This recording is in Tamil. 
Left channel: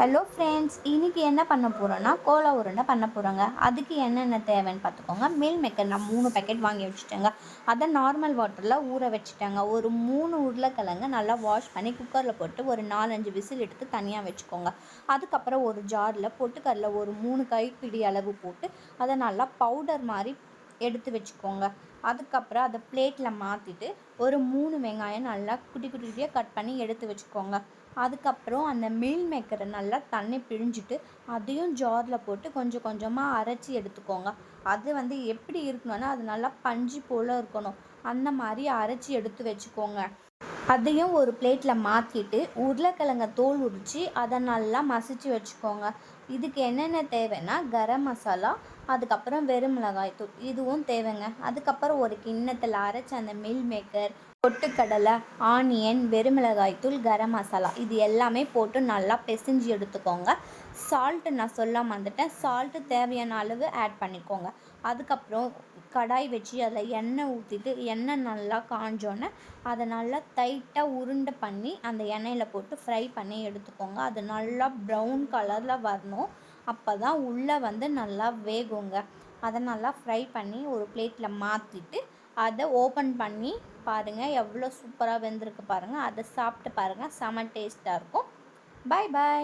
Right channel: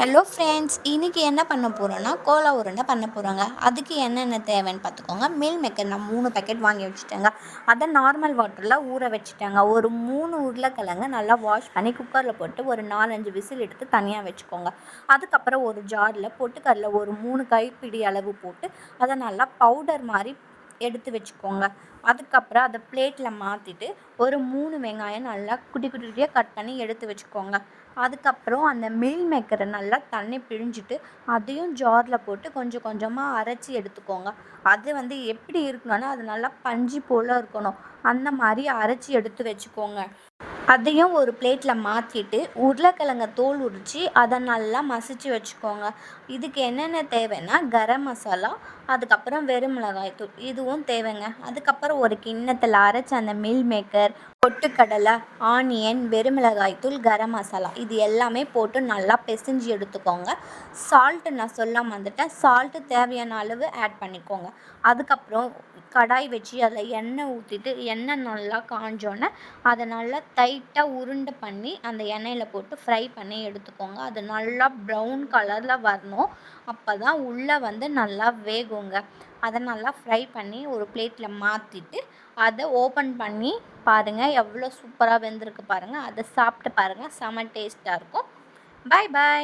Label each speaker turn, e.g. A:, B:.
A: ஹலோ ஃப்ரெண்ட்ஸ் இன்றைக்கி என்ன பண்ண போகிறோன்னா கோலா உருண்டை பண்ண போகிறோங்க அதுக்கு என்னென்ன தேவைன்னு பார்த்துக்கோங்க. மீல் மேக்கர் நான் மூணு பேக்கெட் வாங்கி வச்சுட்டேங்க. அதை நார்மல் வாட்டரில் ஊற வச்சுட்டேங்க. ஒரு மூணு உருளைக்கிழங்கு நல்லா வாஷ் பண்ணி குக்கரில் போட்டு ஒரு நாலஞ்சு விசில் எடுத்து தனியாக வச்சுக்கோங்க. அதுக்கப்புறம் ஒரு ஜாரில் பொட்டுக்கடல ஒரு மூணு கைப்பிடி அளவு போட்டு அதை நல்லா பவுடர் மாதிரி எடுத்து வச்சுக்கோங்க. அதுக்கப்புறம் அதை பிளேட்டில் மாற்றிட்டு ஒரு மூணு வெங்காயம் நல்லா குட்டி குட்டி குட்டியாக கட் பண்ணி எடுத்து வச்சுக்கோங்க. அதுக்கப்புறம் அந்த மில் மேக்கரை நல்லா தண்ணி பிழிஞ்சிட்டு அதையும் ஜாரில் போட்டு கொஞ்சம் கொஞ்சமாக அரைச்சி எடுத்துக்கோங்க. அது வந்து எப்படி இருக்கணும்னா அது நல்லா பஞ்சு போல் இருக்கணும். அந்த மாதிரி அரைச்சி எடுத்து வச்சுக்கோங்க. அதையும் ஒரு பிளேட்டில் மாற்றிட்டு உருளைக்கிழங்க தோல் உரித்து அதை நல்லா மசிச்சு வச்சுக்கோங்க. இதுக்கு என்னென்ன தேவைன்னா கரம் மசாலா அதுக்கப்புறம் வெறும் மிளகாய் தூள். இதுவும் தேவைங்க. அதுக்கப்புறம் ஒரு கிண்ணத்தில் அரைச்ச அந்த மில் மேக்கர் பொட்டுக்கடலை ஆனியன் வெறுமிளகாய் தூள் கரம் மசாலா. இது எல்லாமே போட்டு நல்லா பிசைஞ்சு எடுத்துக்கோங்க. சால்ட்டு நான் சொல்லாமல் வந்துட்டேன் சால்ட்டு தேவையான அளவு ஆட் பண்ணிக்கோங்க. அதுக்கப்புறம் கடாய் வச்சு அதில் எண்ணெய் ஊற்றிட்டு எண்ணெய் நல்லா காஞ்சோன்னே அதை நல்லா தை லைட்டாக உருண்டை பண்ணி அந்த எண்ணெயில் போட்டு ஃப்ரை பண்ணி எடுத்துக்கோங்க. அது நல்லா ப்ரௌன் கலரில் வரணும். அப்போ தான் உள்ளே வந்து நல்லா வேகுங்க. அதை நல்லா ஃப்ரை பண்ணி ஒரு பிளேட்டில் மாற்றிட்டு அதை ஓப்பன் பண்ணி பாருங்கள் எவ்வளோ சூப்பராக வெந்திருக்கு பாருங்கள் அதை சாப்பிட்டு பாருங்கள் செம டேஸ்ட்டாக இருக்கும். பாய் பாய்